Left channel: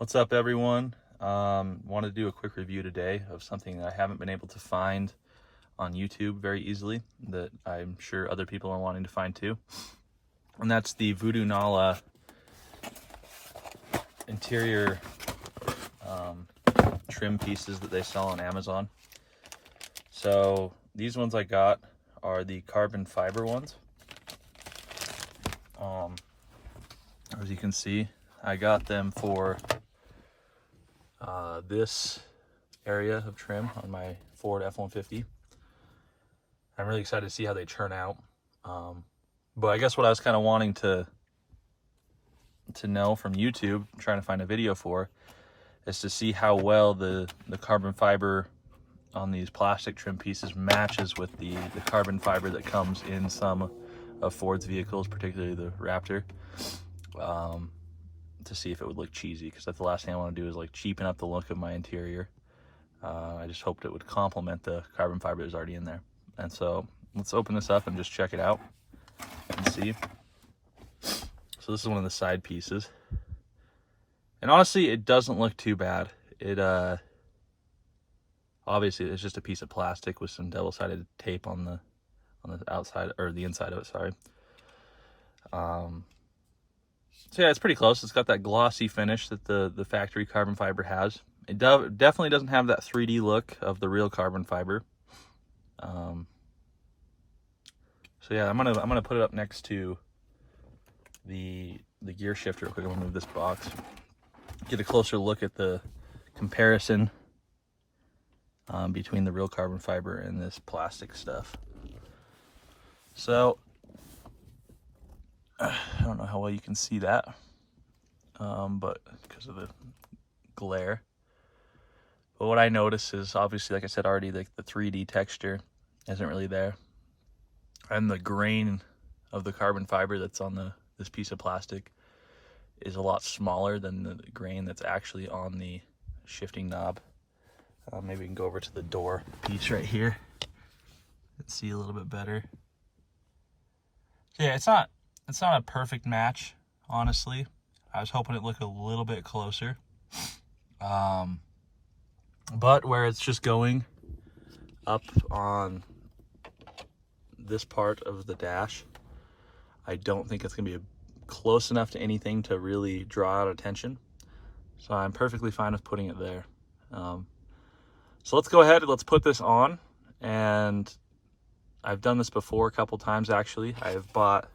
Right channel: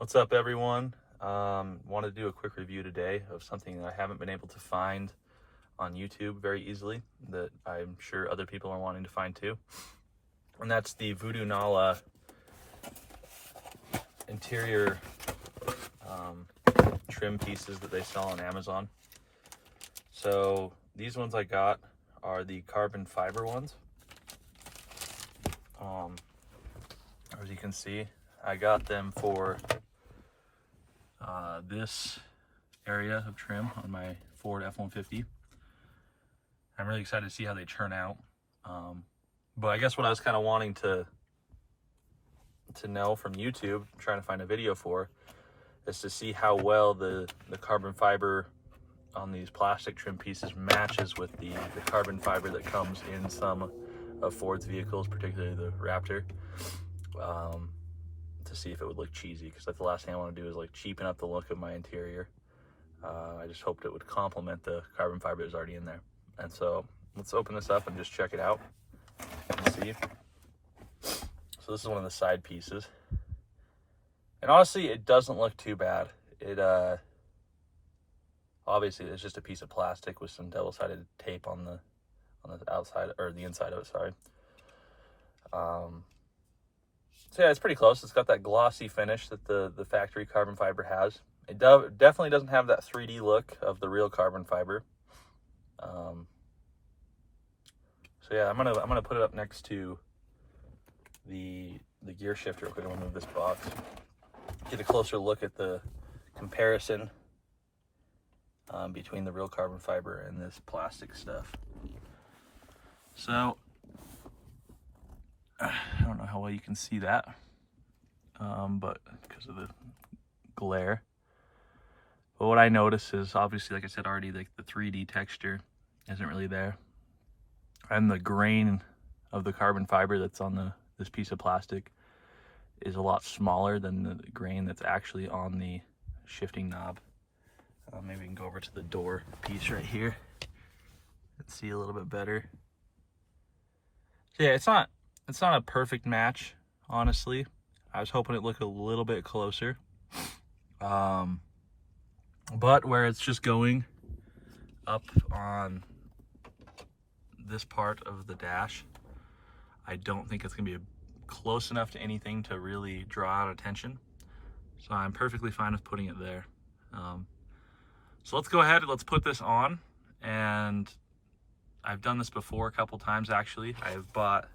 What's up, everyone? Want to do a quick review today of something that I haven't been able to find on YouTube very easily that I'm sure other people are wanting to find too. And that's the Voodonala interior trim pieces that they sell on Amazon. So these ones I got are the carbon fiber ones. As you can see, I got them for this area of trim on my Ford F-150. I'm really excited to see how they turn out. But I guess what I was kind of wanting to know from YouTube, trying to find a video for, is to see how well the carbon fiber on these plastic trim pieces matches with the carbon fiber that comes in some of Ford's vehicles, particularly the Raptor. To see if it would look cheesy, because that's the last thing I want to do is like cheapen up the look of my interior. I just hoped it would complement the carbon fiber that's already in there. And so let's open this up and just check it out and see. So this is one of the side pieces, and honestly it doesn't look too bad. It obviously it's just a piece of plastic with some double-sided tape on the outside, or the inside of it, sorry. So yeah, it's pretty close. It's got that glossy finish that the factory carbon fiber has. It definitely doesn't have that 3D look of the real carbon fiber. So yeah, I'm gonna put it up next to the gear shifter. We're gonna move this box, get a closer look at the comparison between the real carbon fiber and this plastic stuff. So I don't know how well you can see that, but because of the glare. But what I notice is, obviously, like I said already, like the 3D texture isn't really there, and the grain of the carbon fiber that's on this piece of plastic is a lot smaller than the grain that's actually on the shifting knob. Maybe we can go over to the door piece right here and see a little bit better. So yeah, it's not a perfect match, honestly. I was hoping it looked a little bit closer. But where it's just going up on this part of the dash, I don't think it's gonna be close enough to anything to really draw out attention. So I'm perfectly fine with putting it there. So let's go ahead and let's put this on. And I've done this before a couple times actually. I have bought,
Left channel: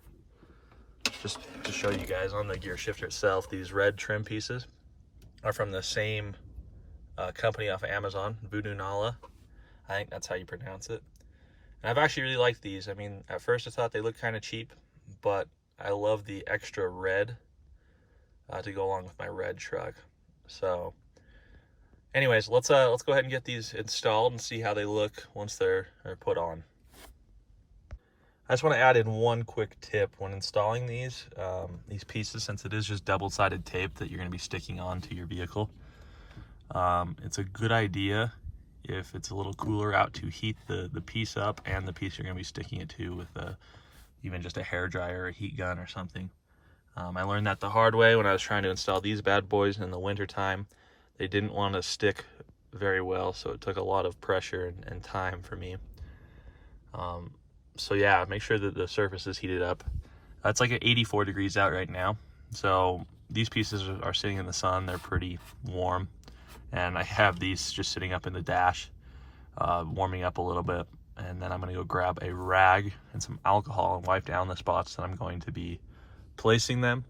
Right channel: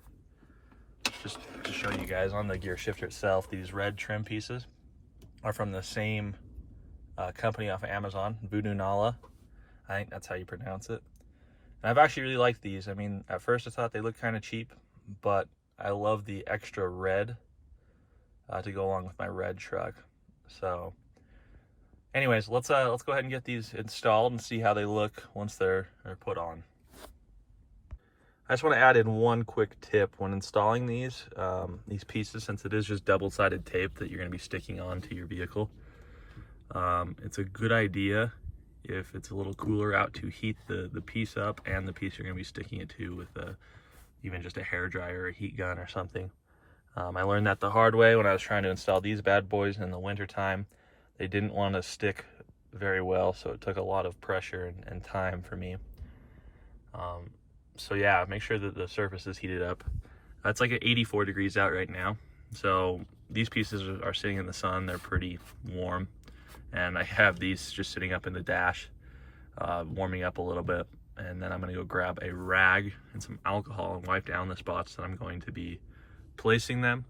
just to show you guys, on the gear shifter itself, these red trim pieces are from the same company off of Amazon, Voodonala. I think that's how you pronounce it. And I've actually really liked these. I mean, at first I thought they looked kind of cheap, but I love the extra red to go along with my red truck. So anyways, let's go ahead and get these installed and see how they look once they're put on. I just want to add in one quick tip when installing these pieces, since it is just double-sided tape that you're going to be sticking onto your vehicle. It's a good idea, if it's a little cooler out, to heat the piece up and the piece you're going to be sticking it to with even just a hairdryer or a heat gun or something. I learned that the hard way when I was trying to install these bad boys in the winter time. They didn't want to stick very well, so it took a lot of pressure and time for me. So yeah, make sure that the surface is heated up. It's like at 84 degrees out right now. So these pieces are sitting in the sun. They're pretty warm. And I have these just sitting up in the dash, warming up a little bit. And then I'm gonna go grab a rag and some alcohol and wipe down the spots that I'm going to be placing them.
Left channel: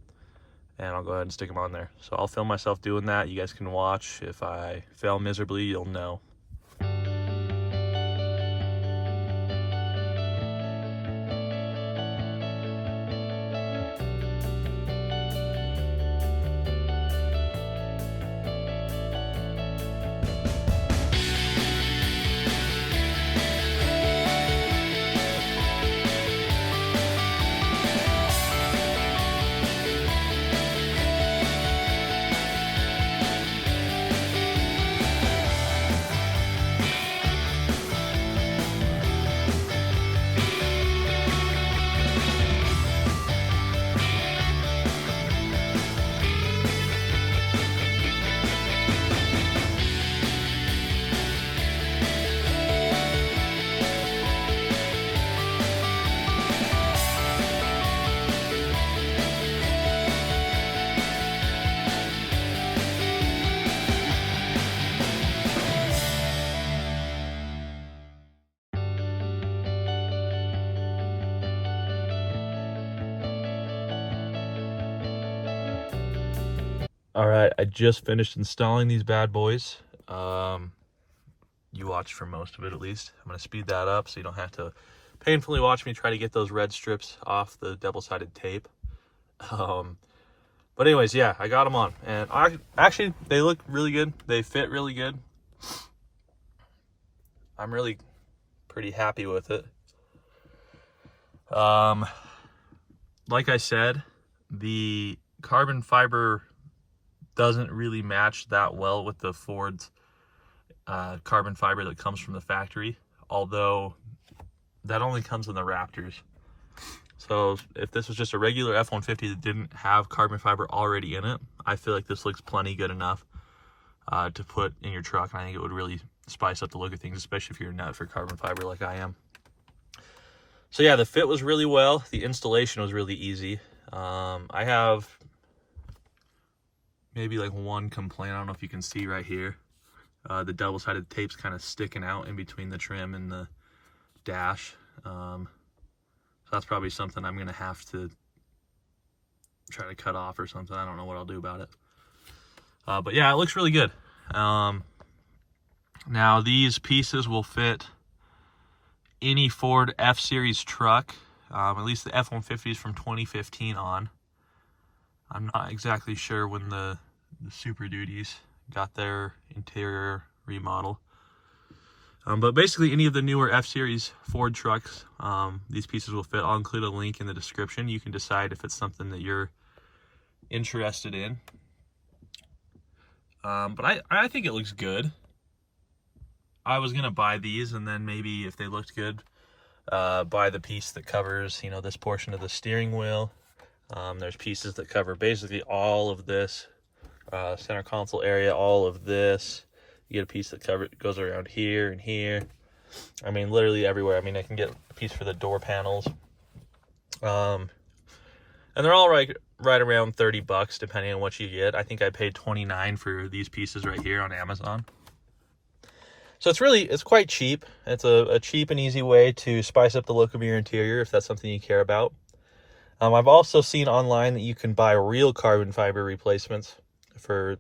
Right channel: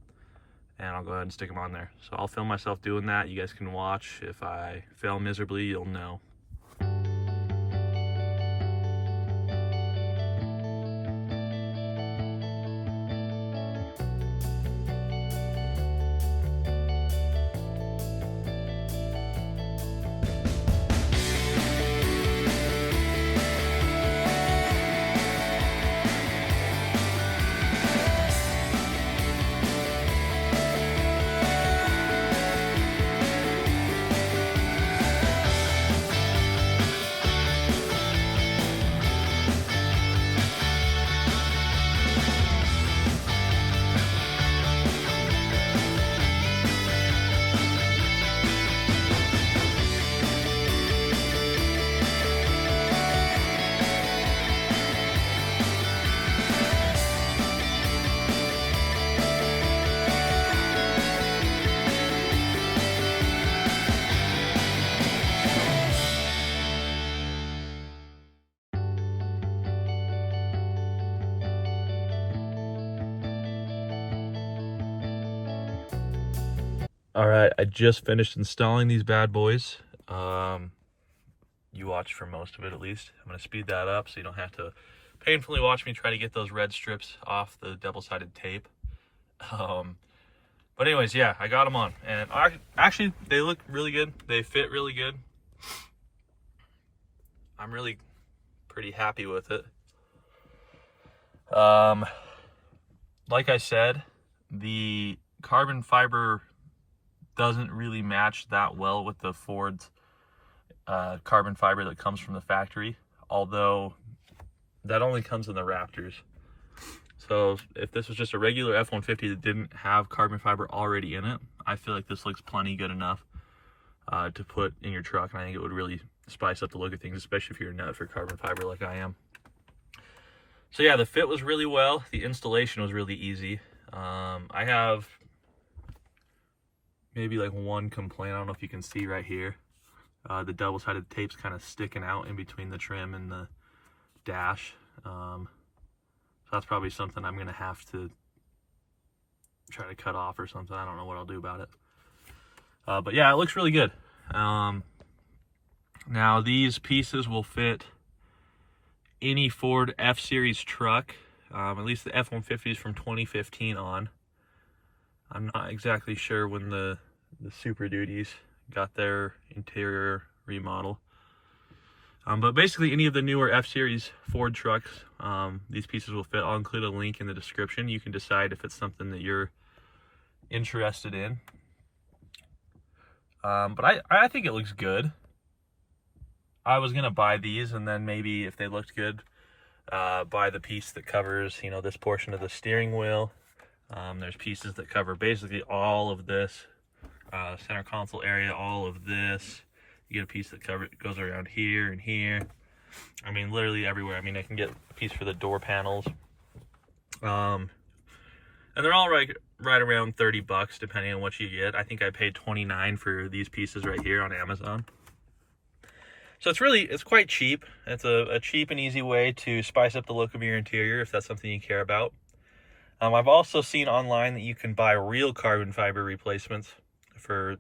And I'll go ahead and stick them on there. So I'll film myself doing that. You guys can watch. If I fail miserably, you'll know. All right, I just finished installing these bad boys. You watched for most of it at least. I'm gonna speed that up so you don't have to painfully watch me try to get those red strips off the double-sided tape. But anyways, yeah, I got them on, and actually they look really good. They fit really good. I'm really pretty happy with it. Like I said, the carbon fiber doesn't really match that well with the Ford's carbon fiber that comes from the factory, although that only comes in the Raptors. So if this was just a regular F-150 that didn't have carbon fiber already in it, I feel like this looks plenty good enough to put in your truck, and I think it would really spice up the look of things, especially if you're a nut for carbon fiber like I am. So yeah, the fit was really well. The installation was really easy. I have maybe like one complaint. I don't know if you can see right here. The double-sided tape's kind of sticking out in between the trim and the dash. So that's probably something I'm going to have to try to cut off or something. I don't know what I'll do about it. But yeah, it looks really good. Now these pieces will fit any Ford F-Series truck, at least the F-150s from 2015 on. I'm not exactly sure when the Super Duties got their interior remodel. But basically any of the newer F-Series Ford trucks, these pieces will fit. I'll include a link in the description. You can decide if it's something that you're interested in. But I think it looks good. I was gonna buy these, and then maybe if they looked good, buy the piece that covers, you know, this portion of the steering wheel. There's pieces that cover basically all of this center console area, all of this. You get a piece that goes around here and here. I mean, literally everywhere. I mean, I can get a piece for the door panels. And they're all right around 30 bucks, depending on what you get. I think I paid $29 for these pieces right here on Amazon. So it's quite cheap. It's a cheap and easy way to spice up the look of your interior if that's something you care about. I've also seen online that you can buy real carbon fiber replacements for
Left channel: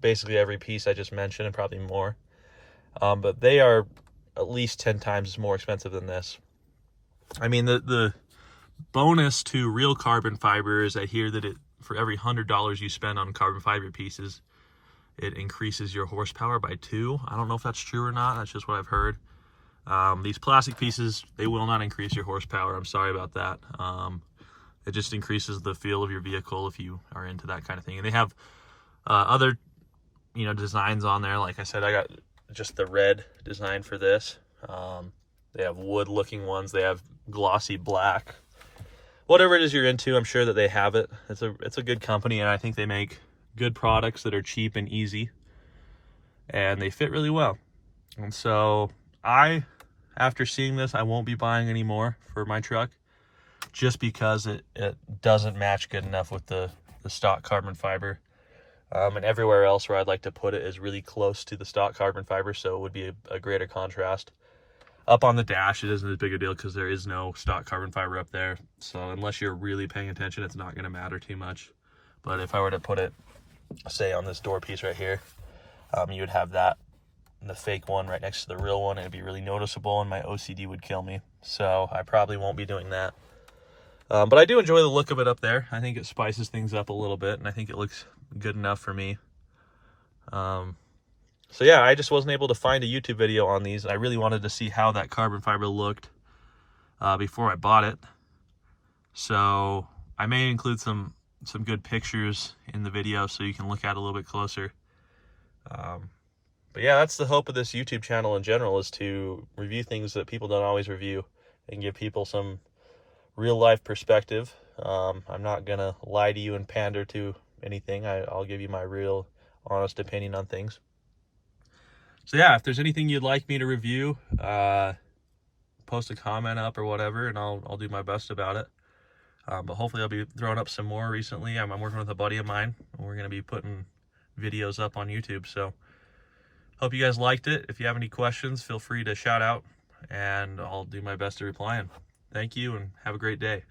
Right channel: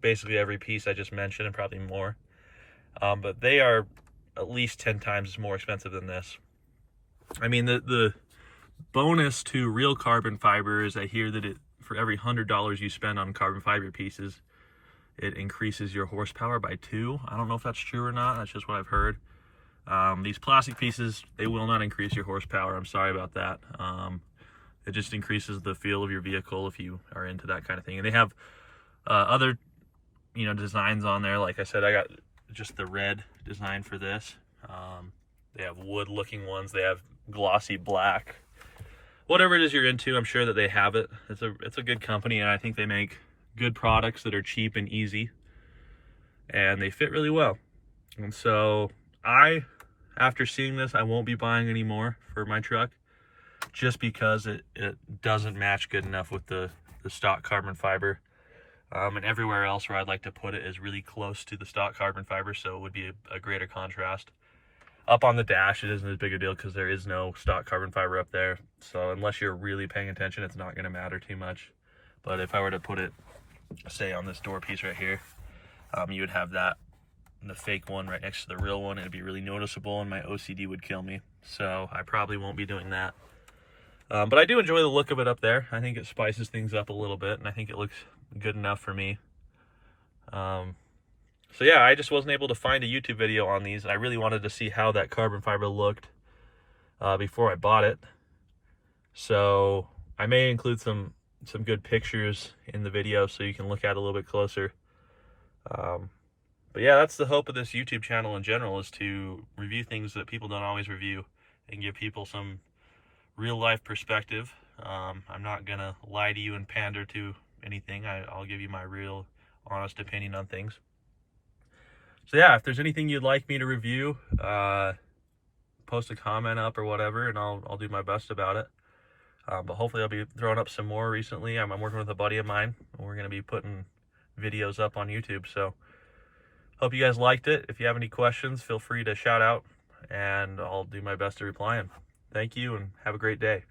basically every piece I just mentioned and probably more. But they are at least 10 times more expensive than this. I mean, the bonus to real carbon fiber is I hear that for every $100 you spend on carbon fiber pieces, it increases your horsepower by 2. I don't know if that's true or not. That's just what I've heard. These plastic pieces, they will not increase your horsepower. I'm sorry about that. It just increases the feel of your vehicle if you are into that kind of thing. And they have other, you know, designs on there. Like I said, I got just the red design for this. They have wood-looking ones. They have glossy black. Whatever it is you're into, I'm sure that they have it. It's a good company, and I think they make good products that are cheap and easy, and they fit really well. And so after seeing this, I won't be buying any more for my truck, just because it doesn't match good enough with the stock carbon fiber. And everywhere else where I'd like to put it is really close to the stock carbon fiber, so it would be a greater contrast. Up on the dash, it isn't as big a deal because there is no stock carbon fiber up there. So unless you're really paying attention, it's not going to matter too much. But if I were to put it, say, on this door piece right here, you would have that, the fake one right next to the real one. It'd be really noticeable, and my OCD would kill me. So I probably won't be doing that. But I do enjoy the look of it up there. I think it spices things up a little bit, and I think it looks good enough for me. So yeah, I just wasn't able to find a YouTube video on these. I really wanted to see how that carbon fiber looked before I bought it. So I may include some good pictures in the video so you can look at it a little bit closer. But yeah, that's the hope of this YouTube channel in general, is to review things that people don't always review and give people some real life perspective. I'm not gonna lie to you and pander to anything. I'll give you my real honest opinion on things. So yeah, if there's anything you'd like me to review, post a comment up or whatever, and I'll do my best about it. But hopefully I'll be throwing up some more recently. I'm working with a buddy of mine, and we're going to be putting videos up on YouTube. So hope you guys liked it. If you have any questions, feel free to shout out, and I'll do my best to reply. And thank you, and have a great day.